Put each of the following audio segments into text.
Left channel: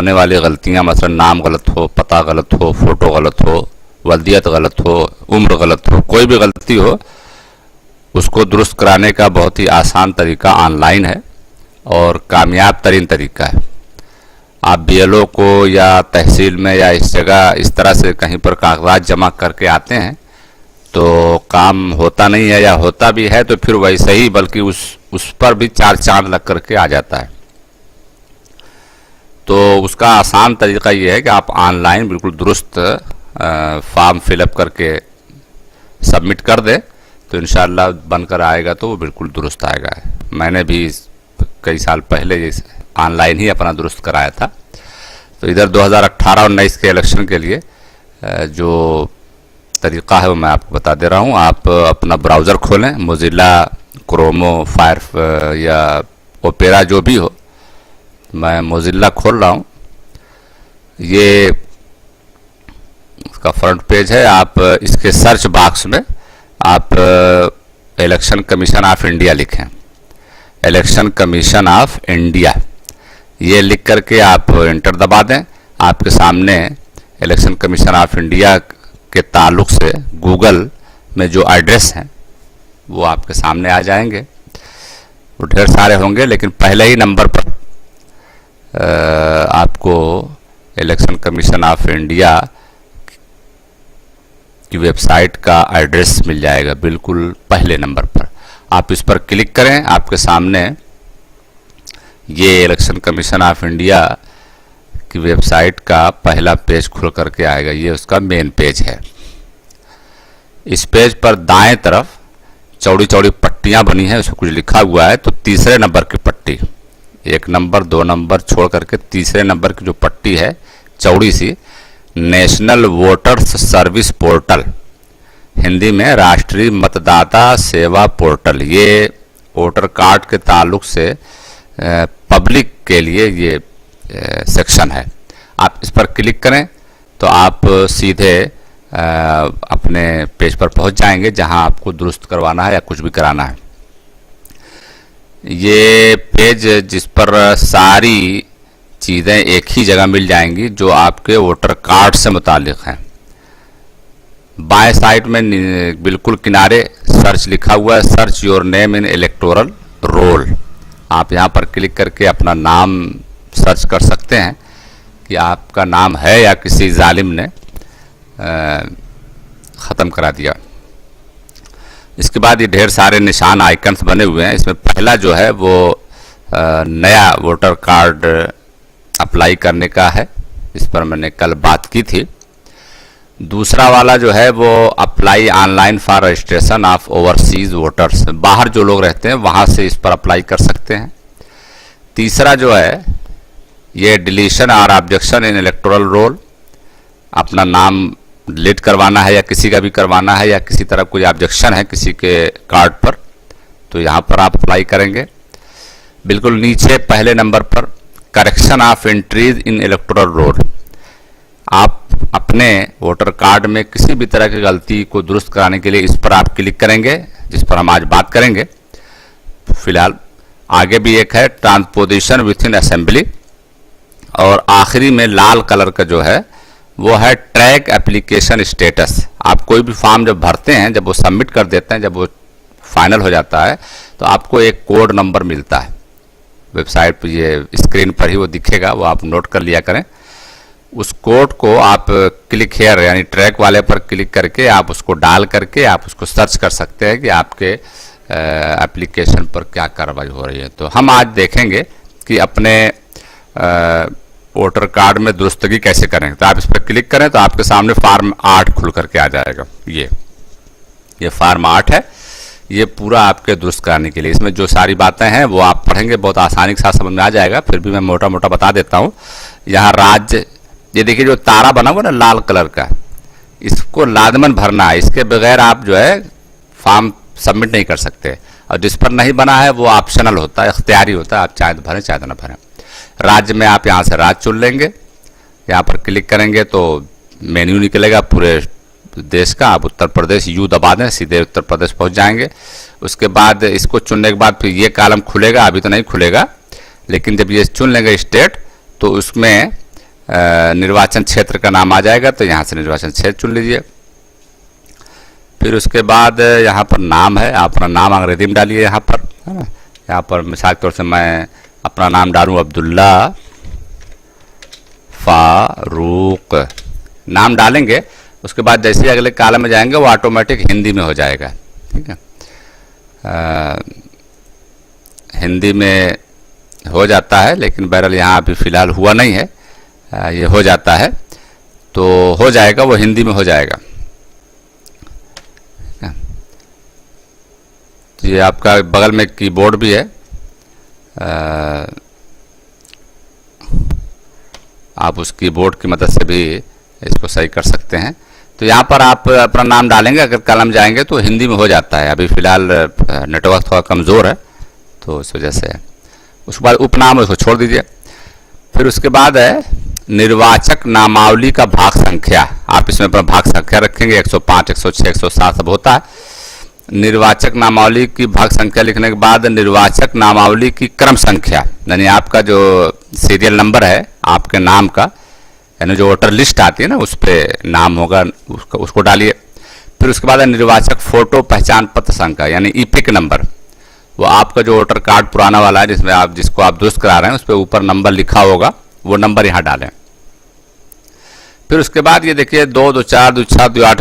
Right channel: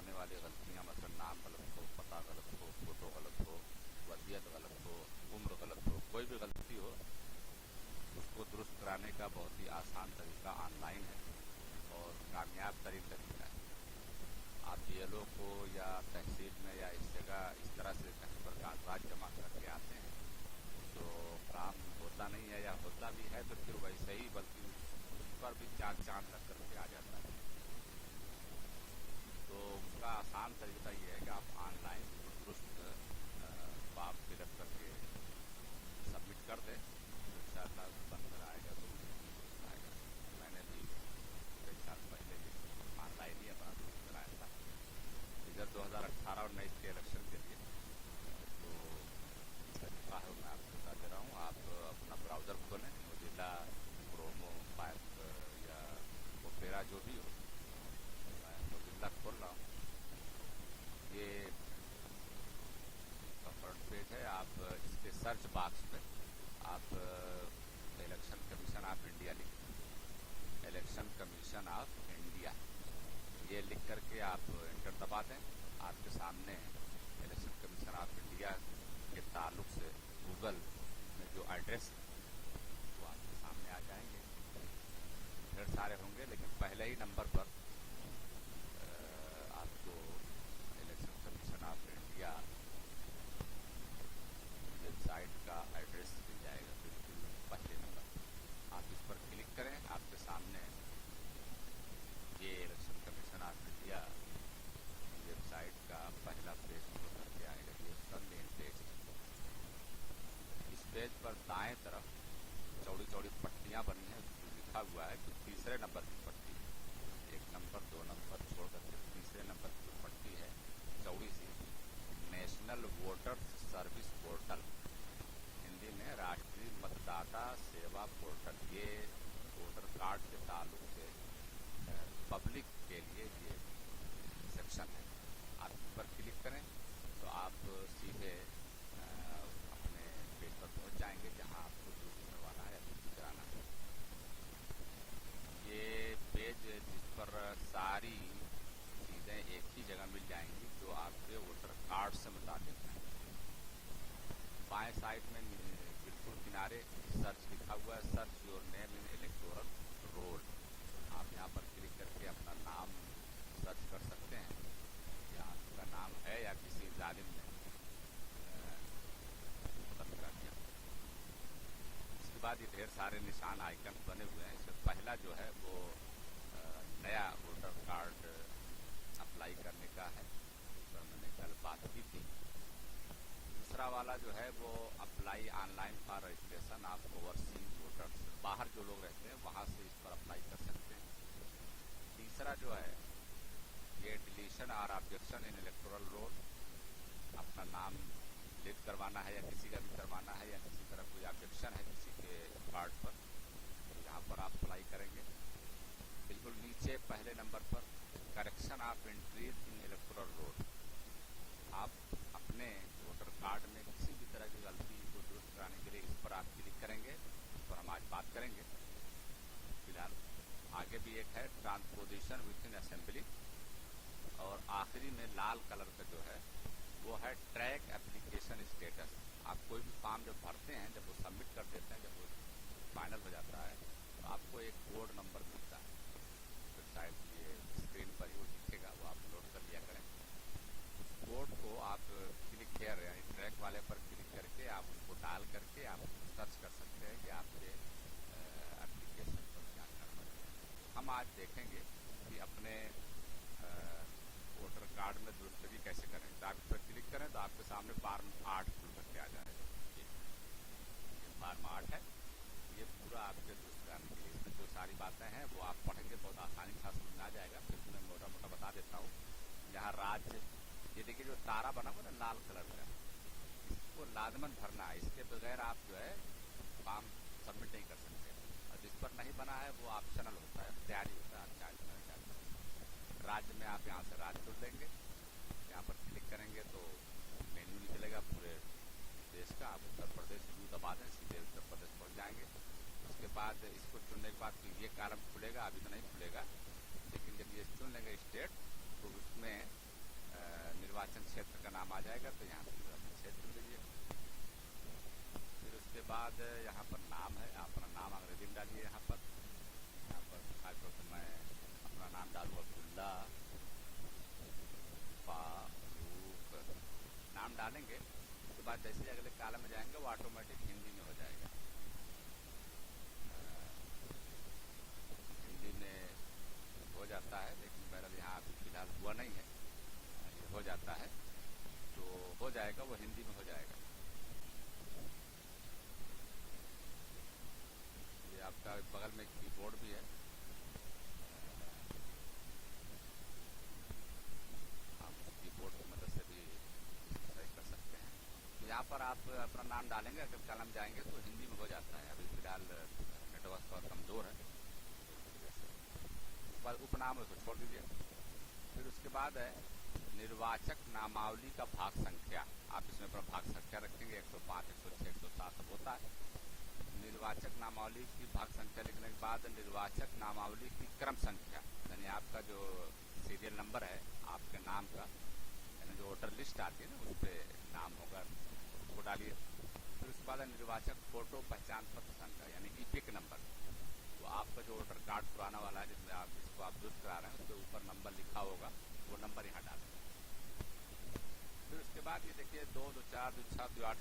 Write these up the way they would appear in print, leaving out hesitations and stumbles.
होने वाली गलतियां, मसलन नाम गलत हो, पता गलत हो, फ़ोटो गलत हो, वल्दियत गलत हो, उम्र गलत हो, कोई भी गलती हो, उसको दुरुस्त कराने का बहुत ही आसान तरीका ऑनलाइन है और कामयाब तरीन तरीका है। आप बीएलओ को या तहसील में या इस जगह इस तरह से कहीं पर कागजात जमा करके आते हैं तो काम होता नहीं है, या होता भी है तो फिर वैसे ही, बल्कि उस पर भी 4 चांद लग करके आ जाता है। तो उसका आसान तरीका ये है कि आप ऑनलाइन बिल्कुल दुरुस्त फॉर्म फिलअप करके सबमिट कर दें तो इंशाअल्लाह बनकर आएगा तो वो बिल्कुल दुरुस्त आएगा। मैंने भी कई साल पहले ऑनलाइन ही अपना दुरुस्त कराया था। तो इधर 2018 और 19 के इलेक्शन के लिए जो तरीक़ा है वो मैं आपको बता दे रहा हूँ। आप अपना ब्राउज़र खोलें, मोज़िला, क्रोमो, फायर या ओपेरा जो भी हो। मैं मोज़िला खोल रहा हूँ। ये इसका फ्रंट पेज है। आप इसके सर्च बॉक्स में आप इलेक्शन कमीशन ऑफ इंडिया लिखें, इलेक्शन कमीशन ऑफ इंडिया, ये लिख करके आप इंटर दबा दें। आपके सामने इलेक्शन कमीशन ऑफ इंडिया के ताल्लुक़ से गूगल में जो एड्रेस हैं वो आपके सामने आ जाएंगे। वो ढेर सारे होंगे, लेकिन पहले ही नंबर पर आपको इलेक्शन कमीशन ऑफ इंडिया की वेबसाइट का एड्रेस मिल जाएगा, बिल्कुल पहले नंबर पर। आप इस पर क्लिक करें, आपके सामने ये इलेक्शन कमीशन ऑफ इंडिया की वेबसाइट का पहला पेज खुल करके आएगा। ये उसका मेन पेज है। इस पेज पर दाएं तरफ चौड़ी चौड़ी पट्टियां बनी हैं, उसमें कुछ लिखा हुआ है। तो तीसरे नंबर की पट्टी, 1 नंबर 2 नंबर छोड़ करके तीसरे नंबर की जो पट्टी है चौड़ी सी, national voters service portal, Hindi में राष्ट्रीय मतदाता सेवा पोर्टल, ये वोटर कार्ड के ताल्लुक से पब्लिक के लिए ये सेक्शन है। आप इस पर क्लिक करें तो आप सीधे अपने पेज पर पहुंच जाएंगे जहां आपको दुरुस्त करवाना है या कुछ भी कराना है। ये पेज जिस पर सारी चीज़ें एक ही जगह मिल जाएंगी जो आपके वोटर कार्ड से मुतालिक हैं। बाएं साइड में बिल्कुल किनारे सर्च लिखा हुआ है, search your name in electoral roll. आप यहां पर क्लिक करके अपना नाम सर्च कर सकते हैं कि आपका नाम है या किसी जालिम ने ख़त्म करा दिया। इसके बाद ये ढेर सारे निशान आइकन्स बने हुए हैं। इसमें पहला जो है वो नया वोटर कार्ड अप्लाई करने का है, इस पर मैंने कल बात की थी। दूसरा वाला जो है वो apply online for registration of overseas voters, बाहर जो लोग रहते हैं वहाँ से इस पर अप्लाई कर सकते हैं। तीसरा जो है ये डिलीशन और ऑब्जेक्शन इन इलेक्टोरल रोल, अपना नाम डिलीट करवाना है या किसी का भी करवाना है या किसी तरह कोई ऑब्जेक्शन है किसी के कार्ड पर, तो यहाँ पर आप अप्लाई करेंगे। बिल्कुल नीचे पहले नंबर पर correction of entries in electoral roll, आप अपने वोटर कार्ड में किसी भी तरह की गलती को दुरुस्त कराने के लिए इस पर आप क्लिक करेंगे, जिस पर हम आज बात करेंगे। फिलहाल आगे भी एक है ट्रांसपोजिशन विथ इन असेंबली, और आखिरी में लाल कलर का जो है वो है ट्रैक एप्लीकेशन स्टेटस। आप कोई भी फॉर्म जब भरते हैं, जब वो सबमिट कर देते हैं, जब वो फाइनल हो जाता है तो आपको एक कोड नंबर मिलता है वेबसाइट पर, ये स्क्रीन पर ही वो दिखेगा, वो आप नोट कर लिया करें। उस कोड को आप क्लिक हेयर यानी ट्रैक वाले पर क्लिक करके आप उसको डाल करके आप उसको सर्च कर सकते हैं कि आपके एप्लीकेशन पर क्या कार्रवाई हो रही है। तो हम आज देखेंगे कि अपने वोटर कार्ड में दुरुस्तगी कैसे करें। तो आप इस पर क्लिक करें तो आपके सामने फार्म 8 खुल करके आ जाएगा। ये फार्म 8 है, ये पूरा आपके दुरुस्त कराने के लिए। इसमें जो सारी बातें हैं वो आप पढ़ेंगे, बहुत आसानी के साथ समझ में आ जाएगा, फिर भी मैं मोटा मोटा बता देता हूँ। यहाँ राज्य, ये देखिए जो तारा बना हुआ ना लाल कलर का, इसको लाजमन भरना है, इसके बगैर आप जो है फॉर्म सबमिट नहीं कर सकते। और जिस पर नहीं बना है वो ऑप्शनल होता है, इख्तियारी होता है, आप चाहे तो भरें चाहे तो ना भरें। राज्य में आप यहाँ से राज्य चुन लेंगे, यहाँ पर क्लिक करेंगे तो मेन्यू निकलेगा पूरे देश का। आप उत्तर प्रदेश यू दबा दें, सीधे उत्तर प्रदेश पहुँच जाएंगे। उसके बाद इसको चुनने के बाद फिर ये कॉलम खुलेगा, अभी तो नहीं खुलेगा, लेकिन जब ये चुन लेंगे स्टेट तो उसमें निर्वाचन क्षेत्र का नाम आ जाएगा, तो यहाँ से निर्वाचन क्षेत्र चुन लीजिए। फिर उसके बाद यहाँ पर नाम है, आप अपना नाम अंग्रेजी में डालिए यहाँ पर, है ना। यहाँ पर मिसाल के तौर से मैं अपना नाम डालूँ अब्दुल्ला फारूक, नाम डालेंगे। उसके बाद जैसे ही अगले कॉलम में जाएंगे वो ऑटोमेटिक हिंदी में हो जाएगा, ठीक है। हिंदी में हो जाता है, लेकिन बहरहाल यहाँ अभी फ़िलहाल हुआ नहीं है। ये हो जाता है तो हो जाएगा, वो हिंदी में हो जाएगा। तो ये आपका बगल में कीबोर्ड भी है, आप उस कीबोर्ड की मदद से भी इसको सही कर सकते हैं। तो यहाँ पर आप अपना नाम डालेंगे, अगर कॉलम जाएंगे तो हिंदी में हो जाता है। अभी फ़िलहाल नेटवर्क थोड़ा कमज़ोर है तो इस वजह से। उसके बाद उपनाम उसको छोड़ दीजिए। फिर उसके बाद है निर्वाचक नामावली का भाग संख्या, आप इसमें अपना भाग संख्या रखेंगे, 105, 106, 107 सब होता है। निर्वाचक नामावली की भाग संख्या लिखने के बाद निर्वाचक नामावली की क्रम संख्या, यानी आपका जो सीरियल नंबर है आपके नाम का, यानी जो वोटर लिस्ट आती है ना उस पर नाम होगा, उसको डालिए। फिर उसके बाद निर्वाचक फ़ोटो पहचान पत्र संख्या यानी ईपिक नंबर, वो आपका जो वोटर कार्ड पुराना वाला है जिसमें आप जिसको आप दुरुस्त करा रहे हैं उस पर ऊपर नंबर लिखा होगा, वो नंबर यहाँ डालें। फिर उसके बाद ये देखिए 2, 2, 4, 2, 6, 2, 8,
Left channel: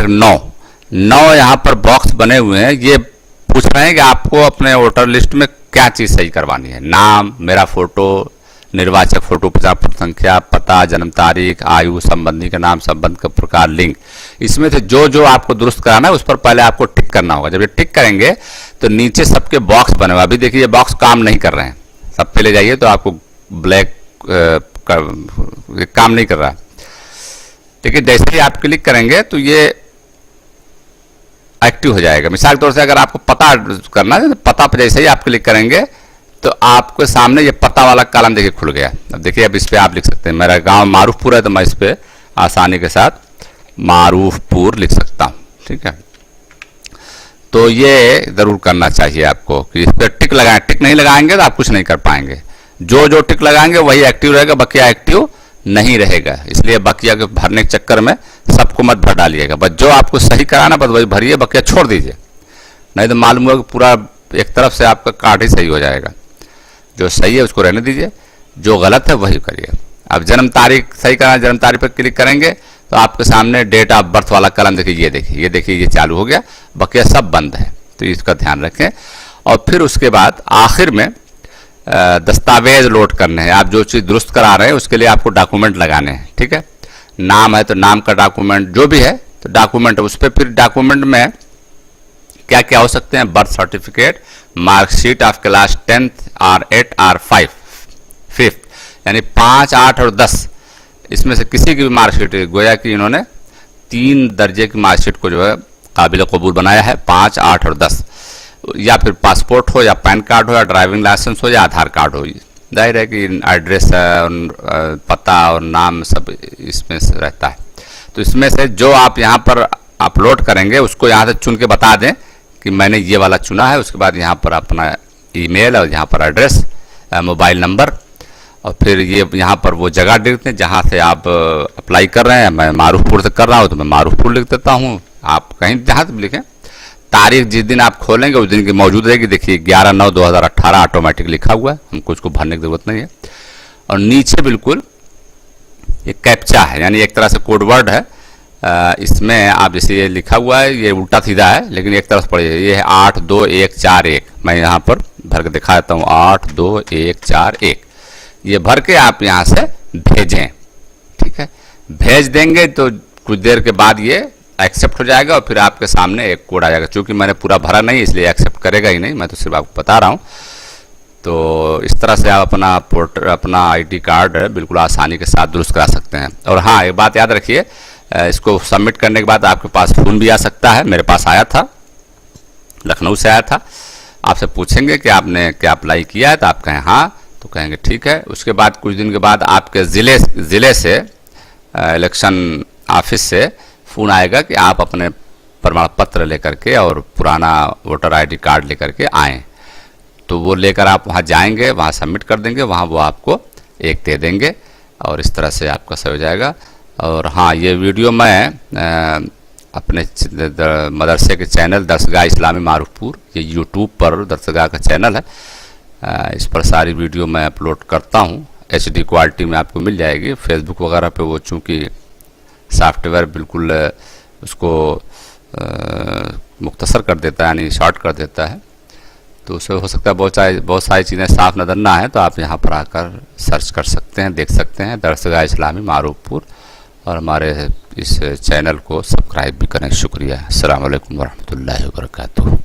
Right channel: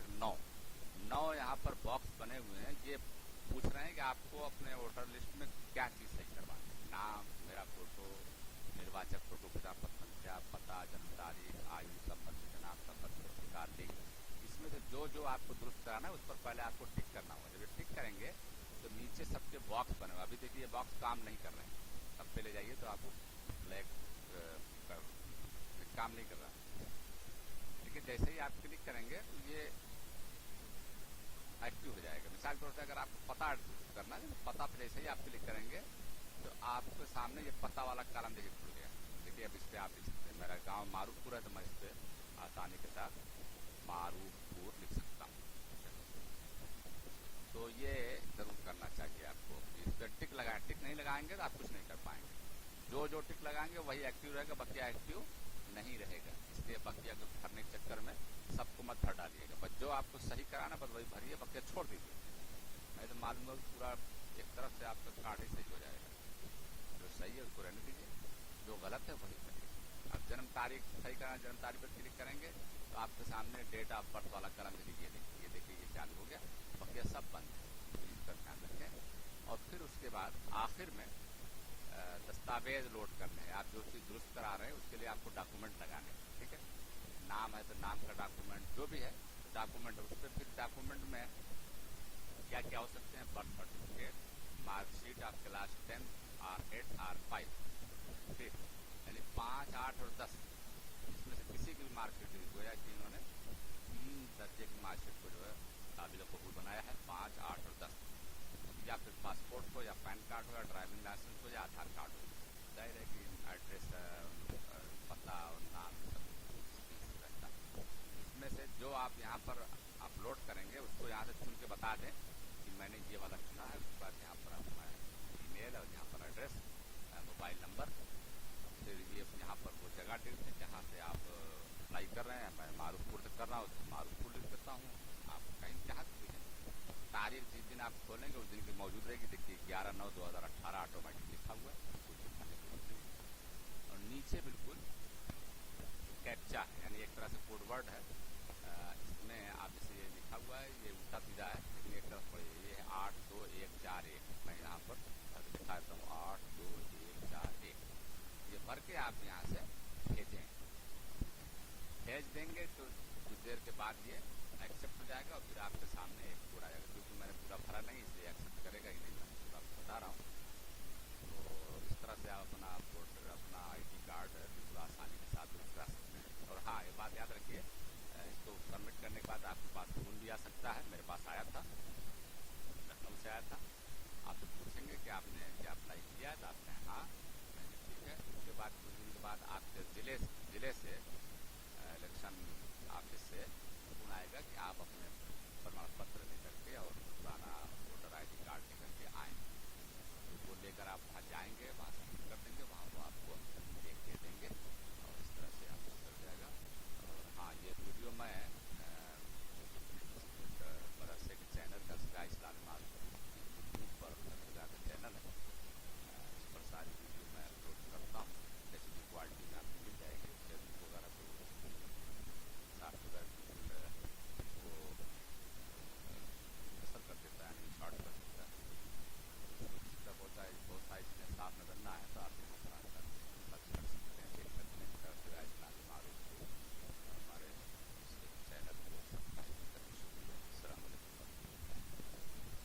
9 यहाँ पर बॉक्स बने हुए हैं। ये पूछ रहे हैं कि आपको अपने वोटर लिस्ट में क्या चीज़ सही करवानी है। नाम, मेरा फ़ोटो, निर्वाचक फ़ोटो पहचान पत्र संख्या, पता, जन्म तारीख, आयु, संबंधी का नाम, संबंध का प्रकार, लिंग। इसमें से जो जो आपको दुरुस्त कराना है उस पर पहले आपको टिक करना होगा। जब ये टिक करेंगे तो नीचे सबके बॉक्स बने हुए। अभी देखिए ये बॉक्स काम नहीं कर रहे हैं, सब पे ले जाइए तो आपको ब्लैक काम नहीं कर रहा। देखिए जैसे ही आप क्लिक करेंगे तो ये एक्टिव हो जाएगा। मिसाल के तौर से अगर आपको पता करना है तो पता पर जैसे ही आप क्लिक करेंगे तो आपके सामने ये पता वाला कॉलम देखिए खुल गया। अब देखिए अब इस पर आप लिख सकते हैं, मेरा गांव मारूफपुर है तो मैं इस पर आसानी के साथ मारूफपुर लिख सकता हूँ, ठीक है। तो ये ज़रूर करना चाहिए आपको कि इस पर टिक लगाएं। टिक नहीं लगाएंगे तो आप कुछ नहीं कर पाएंगे। जो जो टिक लगाएंगे वही एक्टिव रहेगा, बकिया एक्टिव नहीं रहेगा। इसलिए बकिया के भरने के चक्कर में सबको मत भर डालिएगा, बस जो आपको सही कराना बस वही भरिए, बकिया छोड़ दीजिए। नहीं तो मालूम होगा कि पूरा एक तरफ से आपका कार्ड ही सही हो जाएगा। जो सही है उसको रहने दीजिए, जो गलत है वही करिए। अब जन्म तारीख सही करना, जन्म तारीख पर क्लिक करेंगे तो आपके सामने डेट ऑफ बर्थ वाला कलम देखिए, ये देखिए, ये देखिए, ये चालू हो गया, बकिया सब बंद है। तो इसका ध्यान रखें। और फिर उसके बाद आखिर में दस्तावेज लोड करने हैं। आप जो चीज़ दुरुस्त करा रहे हैं उसके लिए आपको डॉक्यूमेंट लगाने हैं, ठीक है। नाम है तो नाम का डॉक्यूमेंट, जो भी है तो डॉक्यूमेंट, उस पर फिर डॉक्यूमेंट में क्या क्या हो सकते हैं, birth certificate, marksheet of class 10th और 8 और 5th, यानी 5, 8 और 10 इसमें से किसी की भी मार्कशीट, गोया कि इन्होंने 3 दर्जे की मार्कशीट को जो है काबिल कबूल बनाया है, 5, 8 और 10। या फिर पासपोर्ट हो या पैन कार्ड हो या ड्राइविंग लाइसेंस हो या आधार कार्ड हो। जाहिर है कि एड्रेस पता और नाम सब इसमें रहता है। तो इसमें से जो आप यहाँ पर अपलोड करेंगे उसको यहाँ से चुन के बता दें कि मैंने ये वाला चुना है। उसके बाद यहाँ पर अपना ईमेल और यहाँ पर एड्रेस, मोबाइल नंबर, और फिर ये यहाँ पर वो जगह लिख दें जहाँ से आप अप्लाई कर रहे हैं। मैं मारूफपुर से कर रहा हूँ तो मैं मारूफपुर लिख देता हूँ। आप कहीं जहाँ से लिखें, तारीख जिस दिन आप खोलेंगे उस दिन की मौजूद रहेगी। देखिए 11/9/2018 ऑटोमेटिक लिखा हुआ है, हमको इसको भरने की ज़रूरत नहीं है। और नीचे बिल्कुल ये कैप्चा है, यानी एक तरह से कोड वर्ड है। इसमें आप जैसे ये लिखा हुआ है, ये उल्टा सीधा है लेकिन एक तरफ पढ़िए, ये है 82141। मैं यहाँ पर भर के दिखा देता हूँ, 82141। ये भर के आप यहाँ से भेजें, ठीक है। भेज देंगे तो कुछ देर के बाद ये एक्सेप्ट हो जाएगा और फिर आपके सामने एक कोड आ जाएगा। चूँकि मैंने पूरा भरा नहीं इसलिए एक्सेप्ट करेगा ही नहीं, मैं तो सिर्फ आपको बता रहा हूँ। तो इस तरह से आप अपना आईडी कार्ड बिल्कुल आसानी के साथ दुरुस्त करा सकते हैं। और हाँ, एक बात याद रखिए, इसको सबमिट करने के बाद आपके पास फ़ोन भी आ सकता है। मेरे पास आया था, लखनऊ से आया था। आपसे पूछेंगे कि आपने क्या अप्लाई किया है, तो आप कहें हाँ, तो कहेंगे ठीक है। उसके बाद कुछ दिन के बाद आपके ज़िले से इलेक्शन ऑफिस से फ़ोन आएगा कि आप अपने प्रमाण पत्र लेकर के और पुराना वोटर आईडी कार्ड लेकर के आएँ। तो वो लेकर आप वहाँ जाएंगे, वहाँ सबमिट कर देंगे, वहाँ वो आपको एक दे देंगे। और इस तरह से आपका सही हो जाएगा। और हाँ, ये वीडियो मैं अपने मदरसे के चैनल दरसगाह इस्लामी मारूफपुर, ये यूट्यूब पर दरसगाह का चैनल है, इस पर सारी वीडियो मैं अपलोड करता हूँ। HD क्वालिटी में आपको मिल जाएगी। फेसबुक वगैरह पे वो चूँकि सॉफ्टवेयर बिल्कुल उसको मुख्तसर कर देता है, यानी शॉर्ट कर देता है, तो उससे हो सकता है बहुत सारी चीज़ें साफ नज़र ना आए। तो आप यहाँ पर आकर सर्च कर सकते हैं, देख सकते हैं दरसगाह इस्लामी मारूफपुर, और हमारे इस चैनल को सब्सक्राइब भी करें। शुक्रिया। अस्सलाम वालेकुम वरहमतुल्लाहि वबरकातुहू।